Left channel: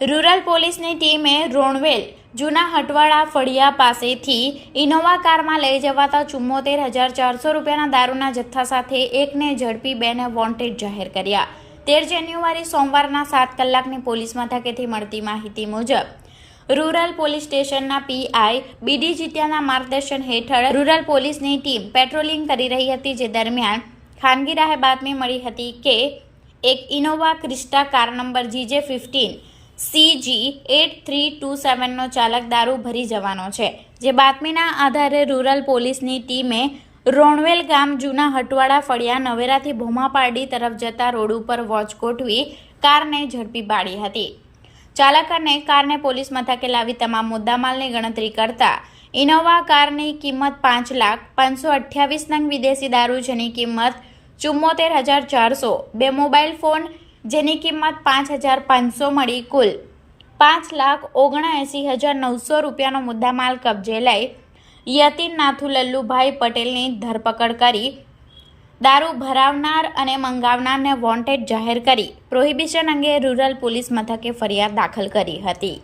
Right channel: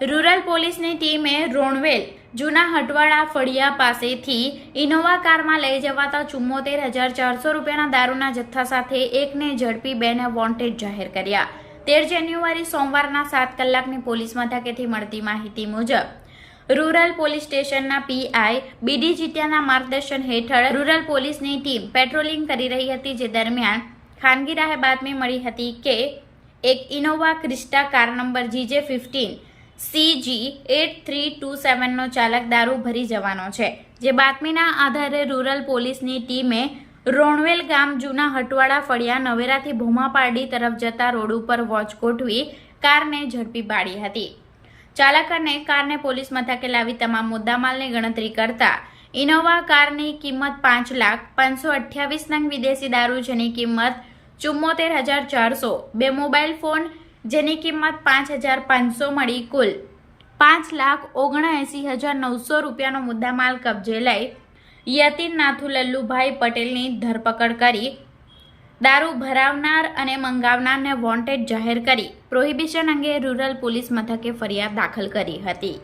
Rural પોલીસની ટીમે રોણવેલ જૂના હટવાડા ફળિયા પાસેથી ઇનોવા કારમાં લઈ જવાતા 74,400 રૂપિયાના દારૂના જથ્થા સાથે એકને ઝડપી બેને વોન્ટેડ જાહેર કર્યા। 13 જાન્યુઆરી સોમવારના 7 કલાકની પોલીસ મથકેથી મળતી માહિતી મુજબ રૂરલ પોલીસ સ્ટેશનના પીઆઈ બીડી જીત્યાના માર્ગદર્શન હેઠળ રૂરલ પોલીસની ટીમ પેટ્રોલિંગ કરી રહી હતી, જે દરમિયાન ખાનગી રાહે બાતમી મળી હતી કે એક Innova Crysta car number GJ15 CG8327 નો ચાલક દારૂ ભરી જવાનો છે, જે બાતમીના આધારે રૂરલ પોલીસની ટીમે રોણવેલ ગામ જૂના હટવાડા ફળિયા નવેરાથી ભોમાપારડી તરફ જતા રોડ ઉપર વોચ ગોઠવી કારને ઝડપી પાડી હતી। ચાલક અને કારને પોલીસ મથકે લાવી તમામ મુદ્દામાલની ગણતરી કરતા ઇનોવા કારની કિંમત 5,528,000 નંગ વિદેશી દારૂ, જેની કિંમત 74,400, 2 મોબાઈલ ફોન જેની કિંમત 5,500 મળી કુલ 5,79,900 રૂપિયાનો મુદ્દામાલ કબજે લઈ યતીન નાથુ લલ્લુભાઈ પટેલની ધરપકડ કરી દારૂ ભરાવનાર અને મંગાવનારને વોન્ટેડ જાહેર કરી પ્રોહિબિશન અંગે રૂરલ પોલીસ મથકે ફરિયાદ દાખલ કરી હતી।